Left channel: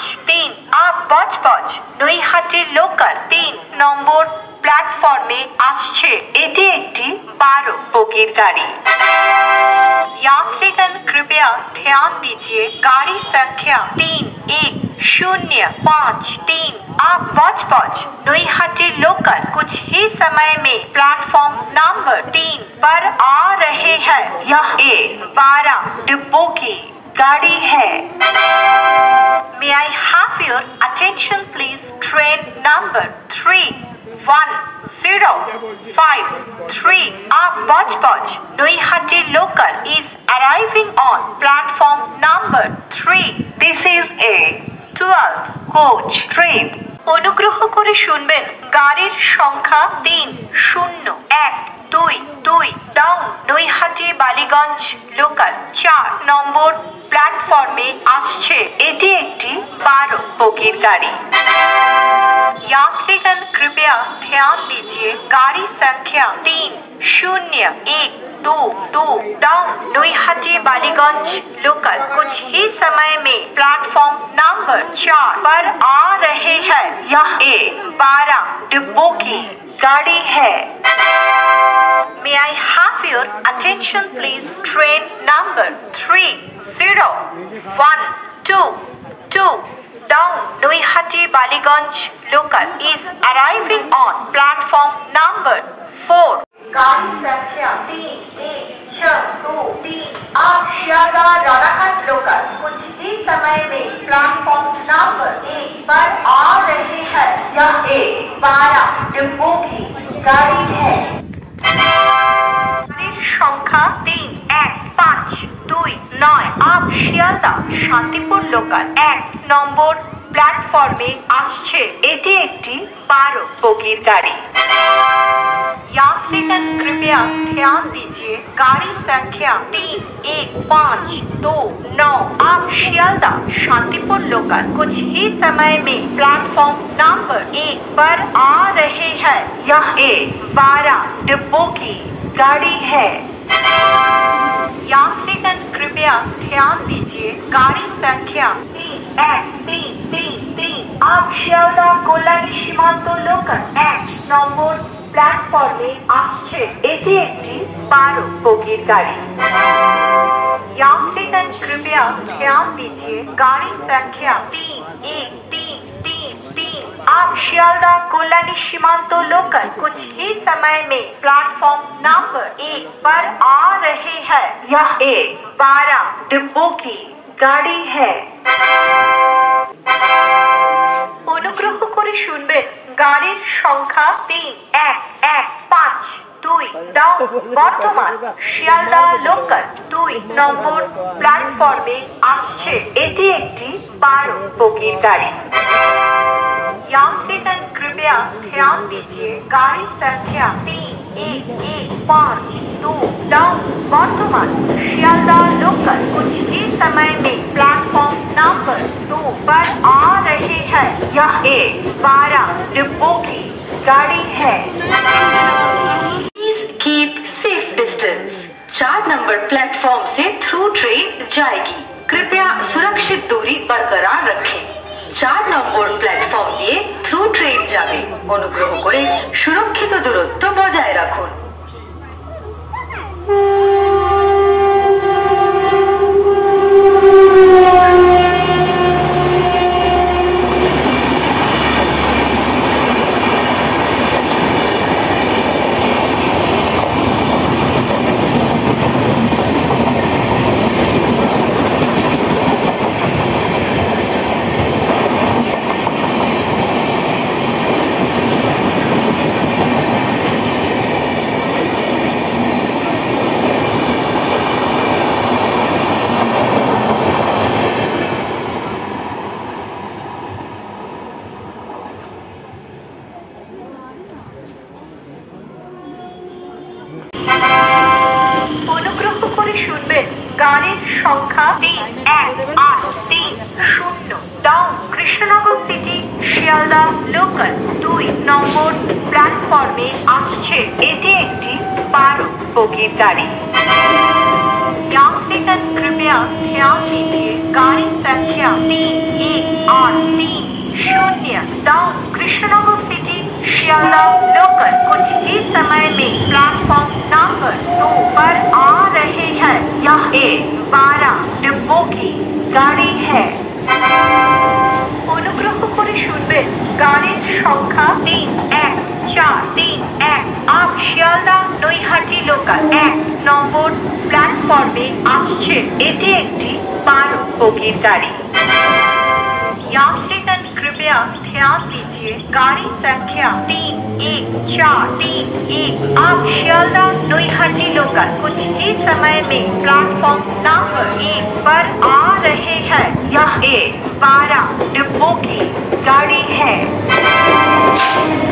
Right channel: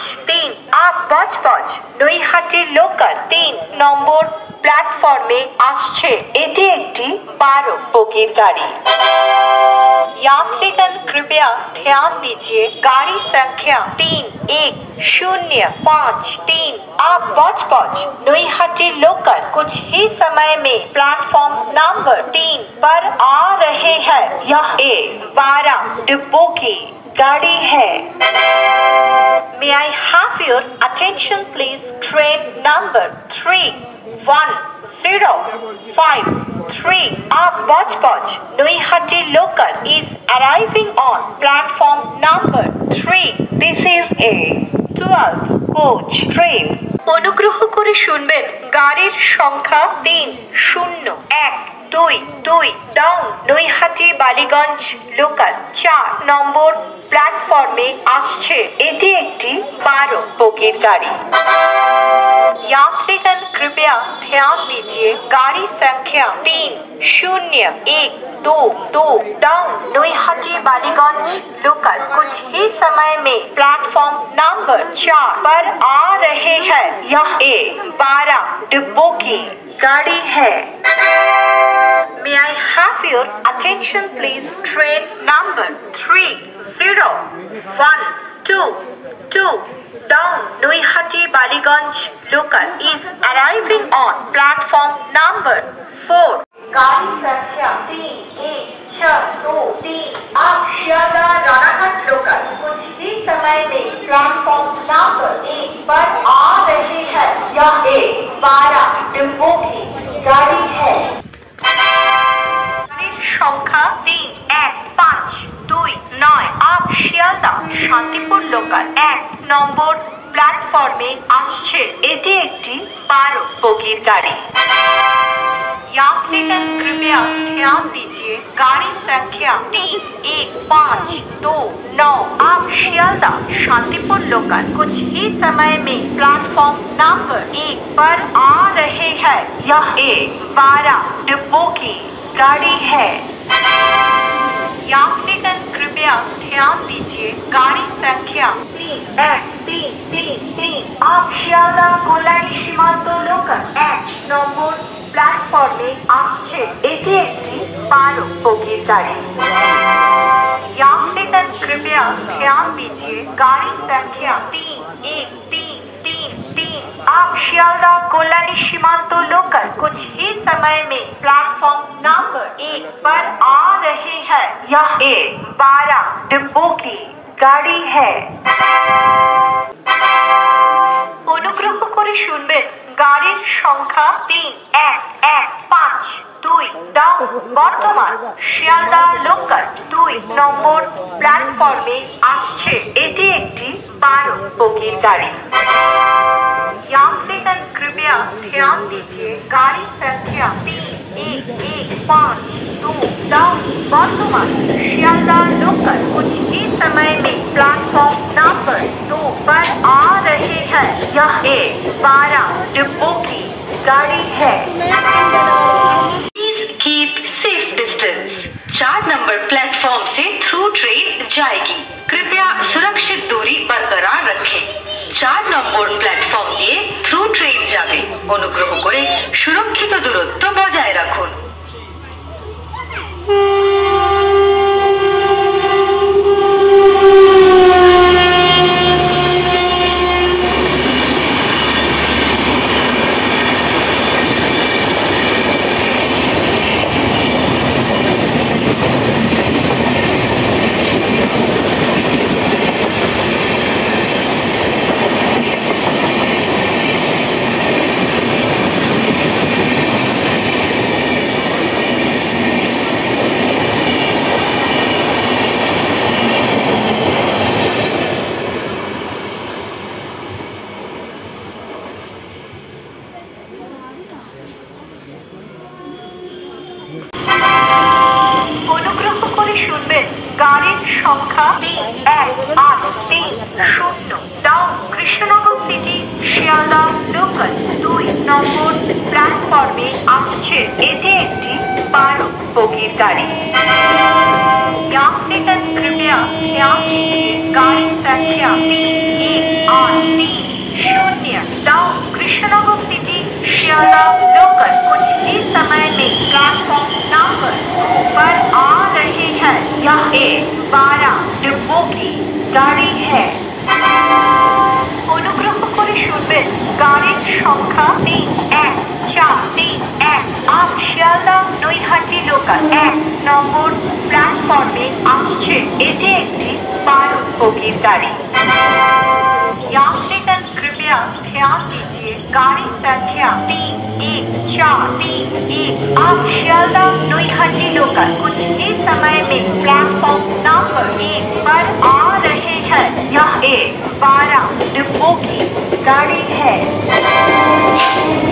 3 आप बजबज नईहाटी लोकल 3 নম্বর प्लेटफॉर्मे आसছে এটি একটি 12 বগির গাড়ি। यात्रीगण कृपया ध्यान दीजिए गाड़ी संख्या 3105 आप बजबज नईहाटी लोकल कुछ ही समय में प्लेटफॉर्म नंबर 3 पर आ रहे हैं। यह एक 12 डिब्बों की गाड़ी है। May I have your attention please? Train number 3105 आप Budge Budge नईहाटी local is arriving on platform number 3. This is a 12 coach train. অনুগ্রহ করে শুনবেন গাড়ির সংখ্যা 3012 ডাউন নৈহাটি বালিগঞ্জ লোকাল 4 নম্বর প্ল্যাটফর্মে আসছে এটি একটি 12 বগির গাড়ি। यात्रीगण कृपया ध्यान दीजिए गाड़ी संख्या 3012 डाउन नईहाटी बालीगंज लोकल कुछ ही समय में प्लेटफॉर्म नंबर 4 पर आ रहे हैं। यह एक 12 डिब्बों की गाड़ी है। May I have your attention please? Train number 3012 down Noihati Baliganj local is arriving on platform number 4. गाड़ी संख्या 3163 आप शियालदह रानाघाट लोकल कुछ ही समय में प्लेटफॉर्म नंबर 1 पर आ रहे हैं। यह एक 12 डिब्बों की गाड़ी है। সংখ্যা 3152 आप শিয়ালদহ শান্তিপুর লোকাল 1 নম্বর প্ল্যাটফর্মে আসছে এটি একটি 12 বগির গাড়ি। यात्रीगण कृपया ध्यान दीजिए गाड़ी संख्या 3159 आप शियालदह शांतिपुर लोकल कुछ ही समय में प्लेटफॉर्म नंबर 1 पर आ रहे हैं। यह एक 12 डिब्बों की गाड़ी है। यात्रीगण कृपया ध्यान दीजिए गाड़ी संख्या 3133 आप শিয়ালদহ কল্যাণী সীমান্ত লোকাল 1 নম্বর প্ল্যাটফর্মে আসছে এটি একটি 12 বগির গাড়ি। यात्रीगण कृपया ध्यान दीजिए गाड़ी संख्या 3133 आप शियालदह कल्याणी सीमांत लोकल कुछ ही समय में प्लेटफॉर्म नंबर 1 पर आ रहे हैं। यह एक 12 डिब्बों की गाड़ी है। অনুগ্রহ করে শুনবেন গাড়ির সংখ্যা 3152 ডাউন বর্তমান শিয়ালদহ লোকাল 2 নম্বর প্ল্যাটফর্মে আসছে এটি একটি 12 বগির গাড়ি। यात्रीगण कृपया ध्यान दीजिए गाड़ी संख्या 3152 डाउन वर्तमान शियालदह लोकल कुछ ही समय में प्लेटफॉर्म नंबर 2 पर आ रहे हैं। यह एक 12 डिब्बों की गाड़ी है। Please keep safe distance. 4 number platform से थ्रू ट्रेन जाएगी, कृपया सुरक्षित दूरी बरकरार रखें। 4 নম্বর প্ল্যাটফর্ম দিয়ে থ্রু ট্রেন যাবে, অনুগ্রহ করে সুরক্ষিত দূরত্ব বজায় রাখুন। অনুগ্রহ করে শুনবেন গাড়ির সংখ্যা 3180 down Krishnanagar city Sealdah local 2 নম্বর প্ল্যাটফর্মে আসছে এটি একটি 12 বগির গাড়ি। यात्रीगण कृपया ध्यान दीजिए गाड़ी संख्या 31 830 down Krishnanagar city Sealdah local कुछ ही समय में प्लेटफॉर्म नंबर 2 पर आ रहे हैं। यह एक 12 डिब्बों की गाड़ी है। অনুগ্রহ করে শুনবেন গাড়ির সংখ্যা 31431। আপ শিয়ালদা নৈহাটি লোকাল 1 নম্বর প্ল্যাটফর্মে আসছে। এটি একটি 12 বগির গাড়ি। यात्रीगण कृपया ध्यान दीजिए गाड़ी संख्या 31431 आप शियालदा नोईहाटी लोकल कुछ ही समय में प्लेटफॉर्म नंबर 1 पर आ रहे हैं। यह एक 12 डिब्बों की गाड़ी है।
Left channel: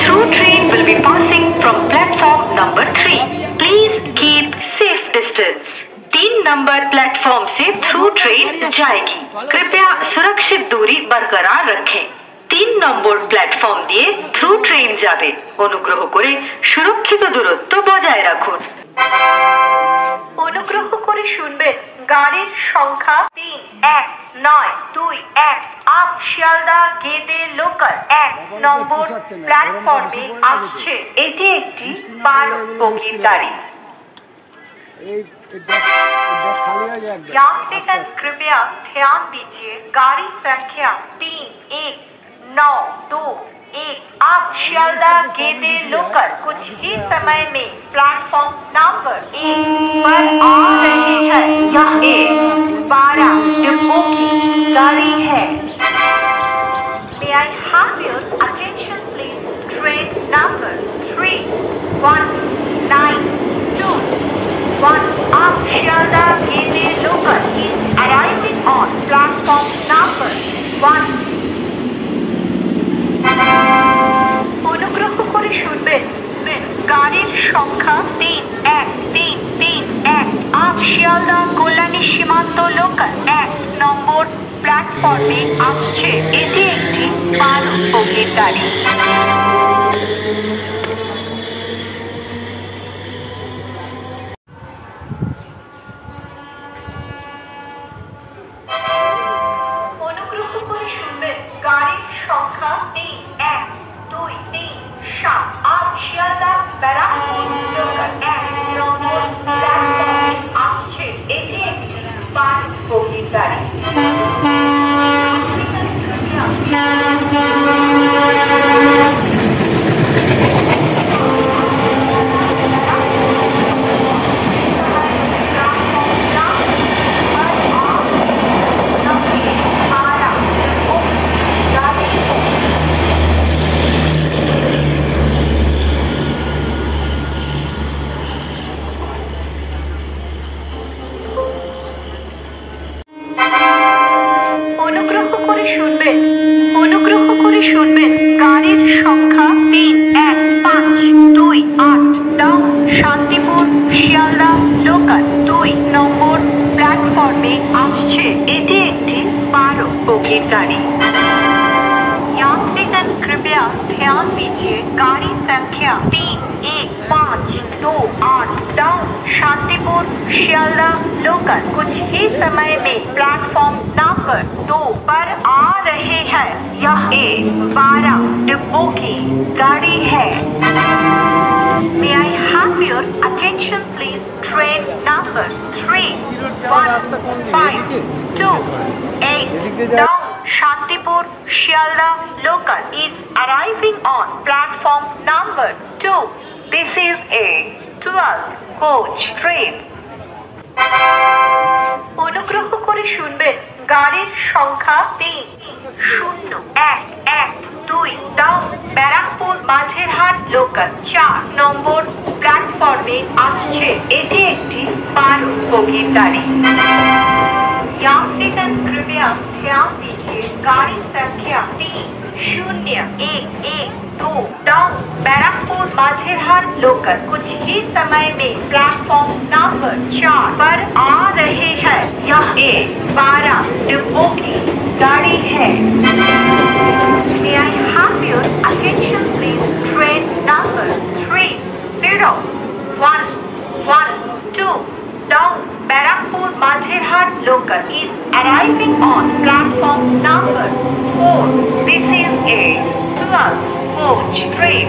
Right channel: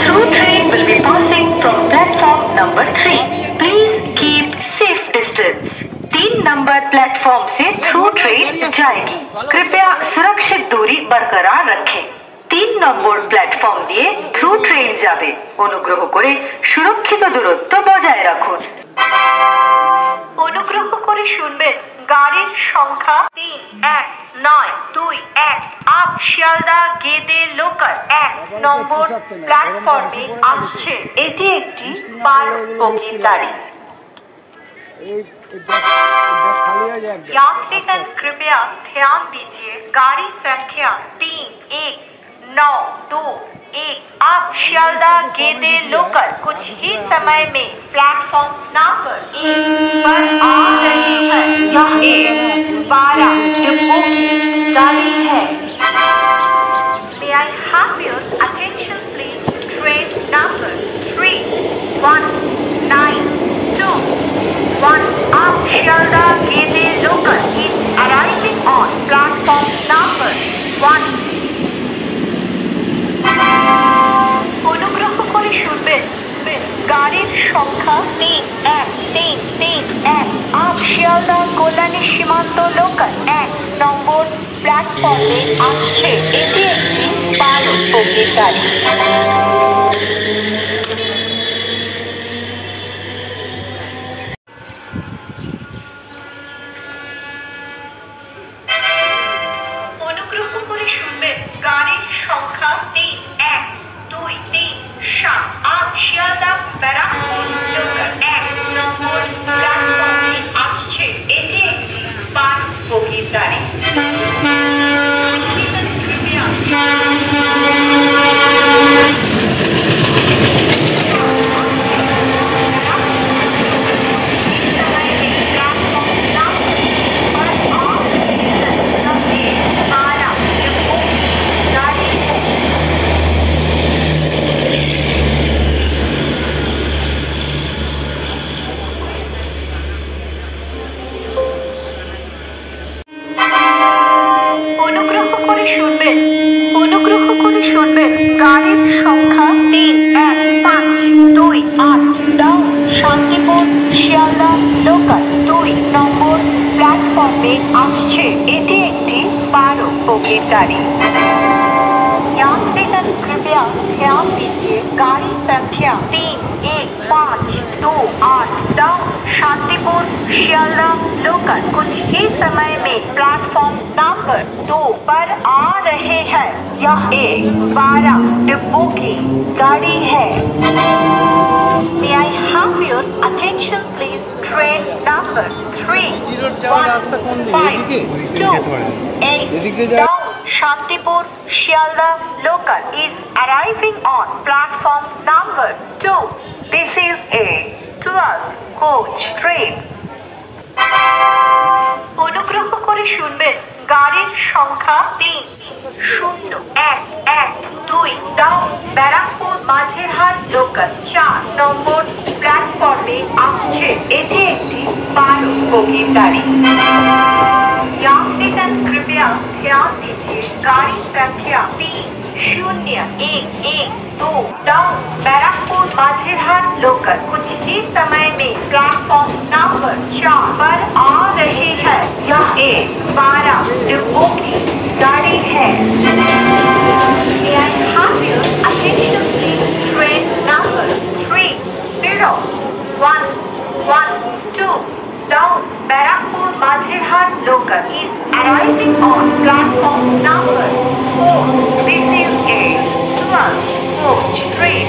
Through train will be passing from platform number 3. Please keep safe distance. 3 number platform से थ्रू ट्रेन जाएगी। कृपया सुरक्षित दूरी बरकरार रखें। 3 নম্বর প্ল্যাটফর্ম দিয়ে থ্রু ট্রেন যাবে। অনুগ্রহ করে সুরক্ষিত দূরত্ব বজায় রাখুন। অনুগ্রহ করে শুনবেন গাড়ির সংখ্যা 31921 আপ শিয়ালদা গেদে লোকাল 1 নম্বর প্ল্যাটফর্মে আসছে। এটি একটি 12 বগির গাড়ি। यात्रीगण कृपया ध्यान दीजिए गाड़ी संख्या 31921 आप शियालदा गेदे लोकल कुछ ही समय में प्लेटफॉर्म नंबर 1 पर आ रहे हैं। यह एक 12 डिब्बों की गाड़ी है। May I have your attention please? Train number 3192 आप शियालदा गेदे local is arriving on platform number 1. অনুগ্রহ করে শুনবেন গাড়ির সংখ্যা 31331 आप শিয়ালদা কল্যাণী সীমান্ত লোকাল 1 নম্বর প্ল্যাটফর্মে আসছে। এটি একটি 12 বগির গাড়ি। গাড়ির সংখ্যা 31237 आप শিয়ালদা ব্যারাকপুর লোকাল 1 নম্বর প্ল্যাটফর্মে আসছে। এটি একটি 12 বগির গাড়ি। यात्रीगण कृपया ध्यान दीजिए गाड़ी संख्या 31528 डाउन शांतिपुर शियालदा लोकल कुछ ही समय में प्लेटफॉर्म नंबर 2 पर आ रहे हैं। यह एक 12 डिब्बों की गाड़ी है। May I have your attention please? Train number 3152 down Shantipur Shialda local is arriving on platform number 2. This is a 12 coach train. অনুগ্রহ করে শুনবেন গাড়ির সংখ্যা 30112 ডাউন ব্যারাকপুর মাঝেরহাট লোকাল 4 নম্বর প্ল্যাটফর্মে আসছে। এটি একটি 12 বগির গাড়ি। यात्रीगण कृपया ध्यान दीजिए गाड़ी संख्या 30112 डाउन बैरकपुर माझेरहाट लोकल कुछ ही समय में प्लेटफॉर्म नंबर 4 पर आ रहे हैं। यह एक 12 डिब्बों की गाड़ी है। May I have your attention please? Train number 30112 down Barakpur Mazherhat local is arriving on platform number 4. Local coach train.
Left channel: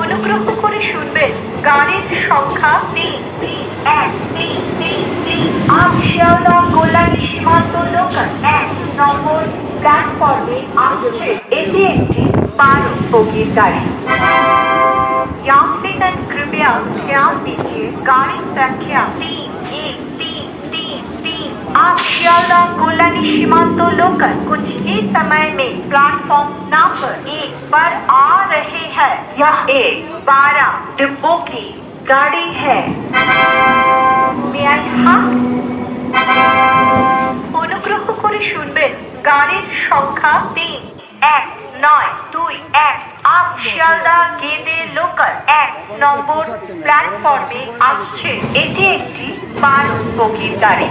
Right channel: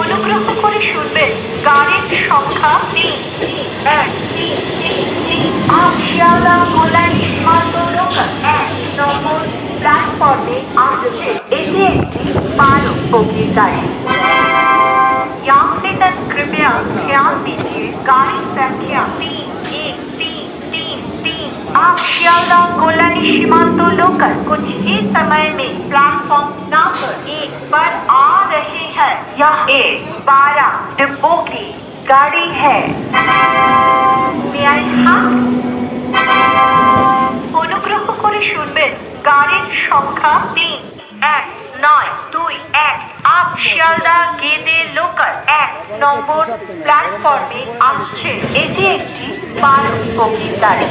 অনুগ্রহ করে শুনবেন গাড়ির সংখ্যা 3 আপ শিয়ালদা কল্যাণী সীমান্ত লোকাল 1 নম্বর প্ল্যাটফর্মে আসছে। এটি একটি 12 বগির গাড়ি। यात्रीगण कृपया ध्यान दीजिए गाड़ी संख्या 3 आप शियालदा कोल्हानी सीमांत लोकल कुछ ही समय में प्लेटफॉर्म नंबर 1 पर आ रहे हैं। यह एक 12 डिब्बों की गाड़ी है। May I have অনুগ্রহ করে শুনবেন গাড়ির সংখ্যা 3-1-9-2-1 আপ শিয়ালদা গেদে লোকাল 1 নম্বর প্ল্যাটফর্মে আসছে। এটি একটি 12 বগির গাড়ি।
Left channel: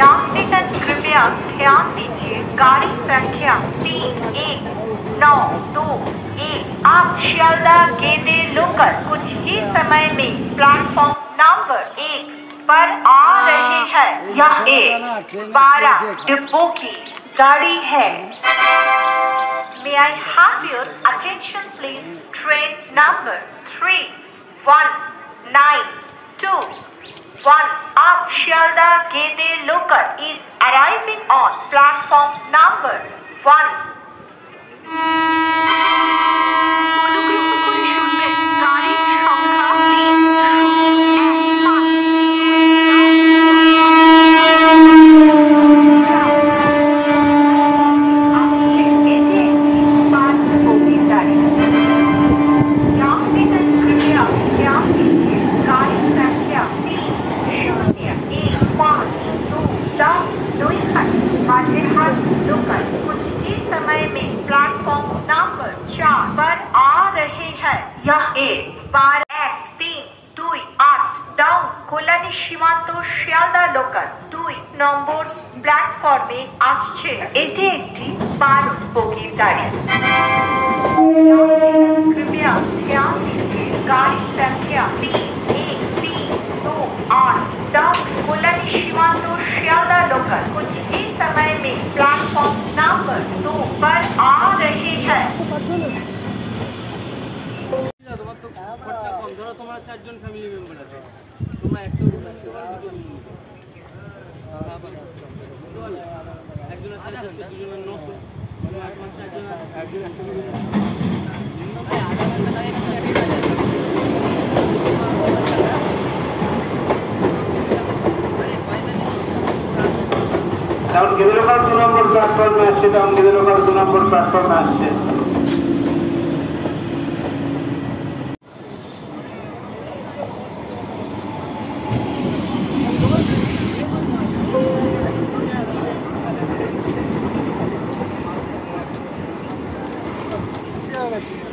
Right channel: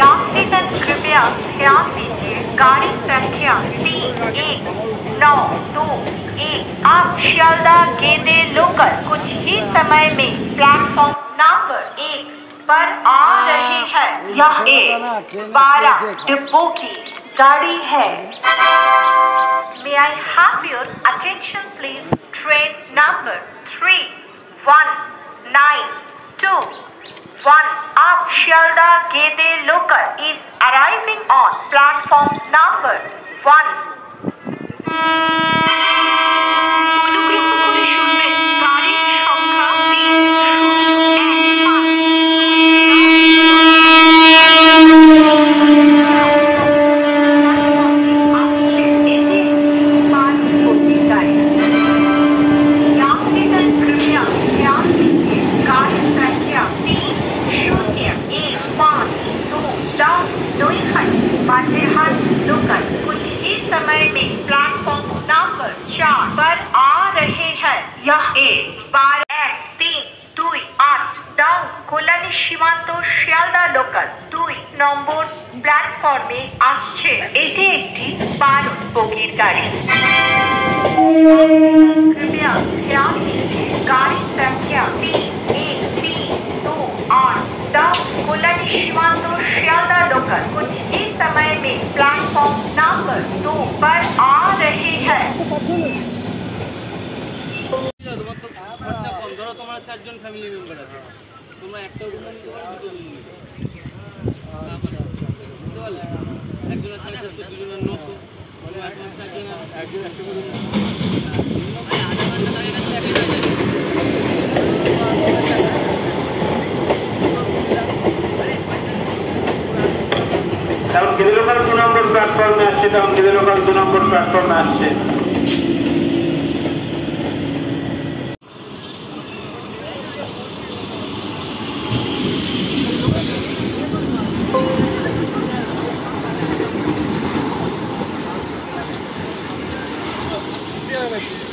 यात्रीगण कृपया ध्यान दीजिए गाड़ी संख्या 3-1-9-2-1 आप शियालदा गेदे लोकल कुछ ही समय में प्लेटफॉर्म नंबर 1 पर आ रहे हैं। यह एक 12 डिब्बों की गाड़ी है। May I have your attention please? Train number 3-1-9-2-1 up Shialda Gede local is arriving on platform number 1. অনুগ্রহ করে শুনবেন গাড়ির সংখ্যা 3-1-9-2 कुछ ही समय में प्लेटफॉर्म नंबर 4 पर आ रहे हैं। यह एक 12-1-3-2-8 डाउन কল্যাণী সীমান্ত শিয়ালদা লোকাল 2 নম্বর প্ল্যাটফর্মে আসছে। এটি একটি 12 বগির গাড়ি। कृपया ध्यान दीजिए गाड़ी संख्या 3-1-3-2-8 डाउन कल्याणी सीमांत शियालदा लोकल कुछ ही समय में प्लेटफॉर्म नंबर 2 पर आ रहे हैं। টাউন গেদে লোকাল 2 নম্বর প্ল্যাটফর্মে আসছে। টাউন গেদে লোকাল 2 নম্বর প্ল্যাটফর্মে আসছে। Yeah.